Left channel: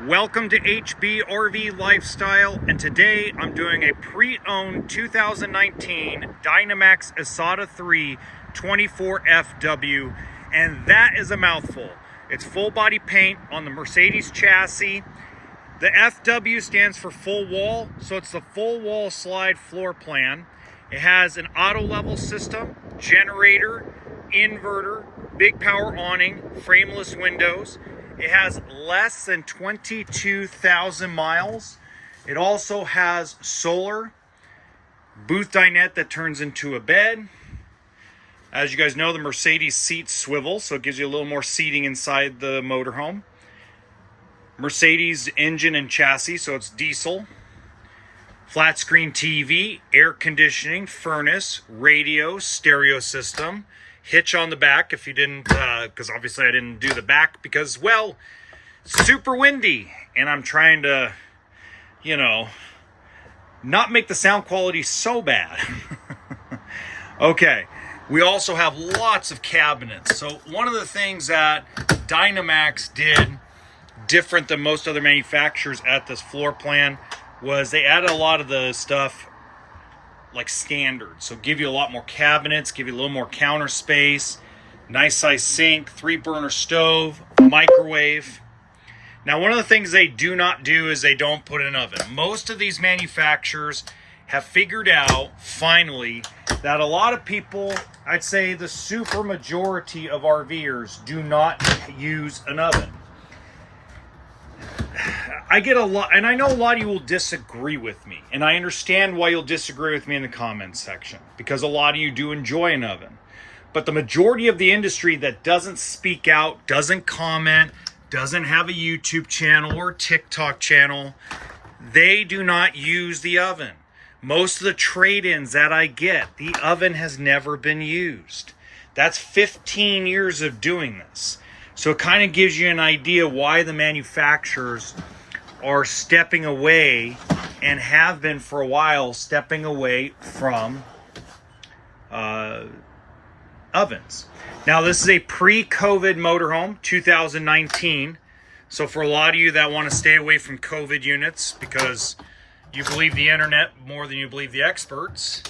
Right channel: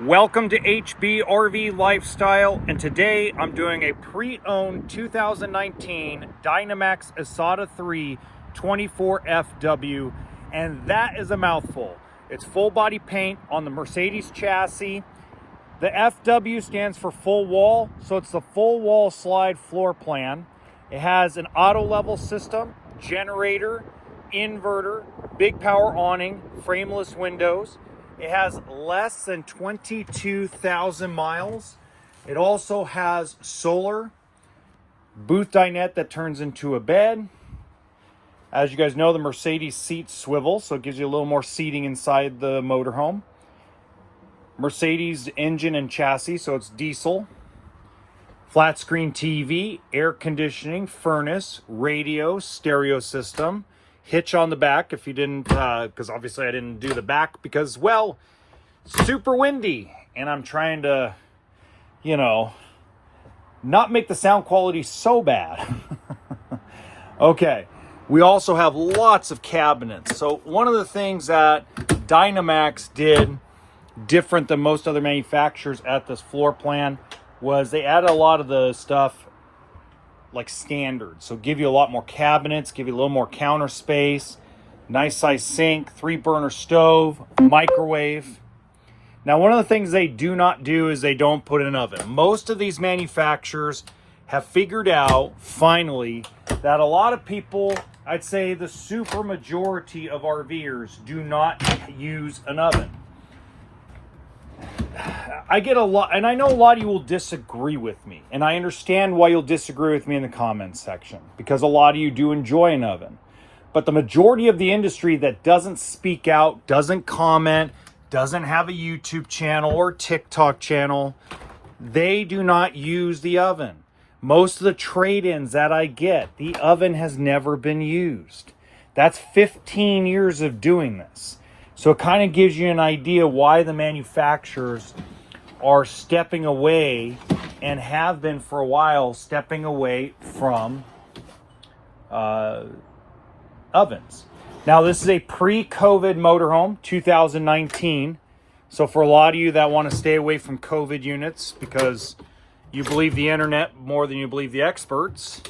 Welcome to HB RV Lifestyle, and today I'm doing a pre-owned 2019 Dynamax Asada 3 24FW, and that is a mouthful. It's full body paint on the Mercedes chassis. The FW stands for full wall, so it's the full wall slide floor plan. It has an auto level system, generator, inverter, big power awning, frameless windows. It has less than 22,000 miles. It also has solar, booth dinette that turns into a bed. As you guys know, the Mercedes seats swivel, so it gives you a little more seating inside the motorhome. Mercedes engine and chassis, so it's diesel. Flat screen TV, air conditioning, furnace, radio, stereo system. Hitch on the back if you didn't, because obviously I didn't do the back because, well, it's super windy and I'm trying to, not make the sound quality so bad. Okay, we also have lots of cabinets. So one of the things that Dynamax did different than most other manufacturers at this floor plan was they added a lot of the stuff like standard, so give you a lot more cabinets, give you a little more counter space, nice size sink, 3-burner stove, microwave. Now, one of the things they do not do is they don't put an oven. Most of these manufacturers have figured out finally that a lot of people, I'd say the super majority of RVers, do not use an oven. I get a lot, and I know a lot of you will disagree with me, and I understand why you'll disagree with me in the comments section, because a lot of you do enjoy an oven. But the majority of the industry that doesn't speak out, doesn't comment, doesn't have a YouTube channel or TikTok channel, they do not use the oven. Most of the trade-ins that I get, the oven has never been used. That's 15 years of doing this. So it kind of gives you an idea why the manufacturers are stepping away, and have been for a while, stepping away from ovens. Now, this is a pre-COVID motorhome, 2019. So for a lot of you that want to stay away from COVID units because you believe the internet more than you believe the experts,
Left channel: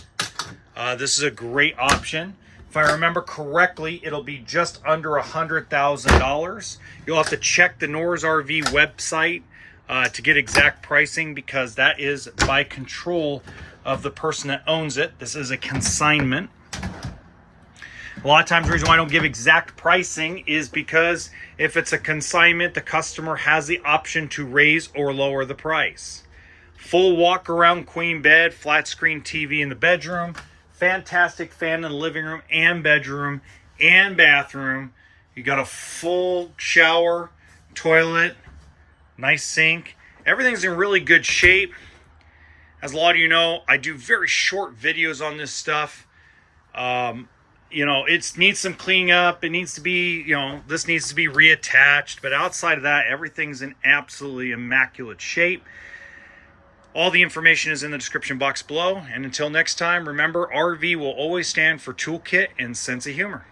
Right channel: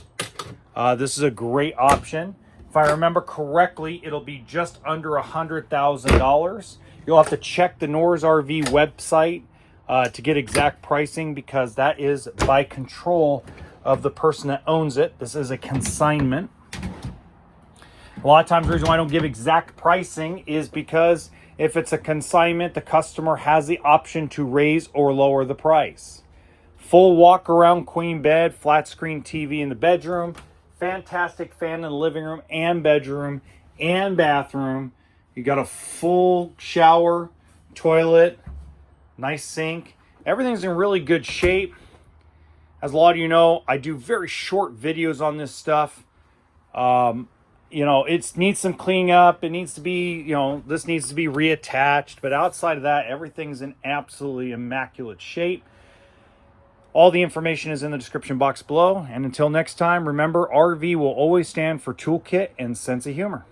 this is a great option. If I remember correctly, it'll be just under $100,000. You'll have to check the Noah's RV website to get exact pricing, because that is by control of the person that owns it. This is a consignment. A lot of times the reason why I don't give exact pricing is because if it's a consignment, the customer has the option to raise or lower the price. Full walk around queen bed, flat screen TV in the bedroom. Fantastic fan in the living room and bedroom and bathroom. You got a full shower, toilet, nice sink. Everything's in really good shape. As a lot of you know, I do very short videos on this stuff. It needs some cleaning up. It needs to be, this needs to be reattached. But outside of that, everything's in absolutely immaculate shape. All the information is in the description box below. And until next time, remember, RV will always stand for toolkit and sense of humor.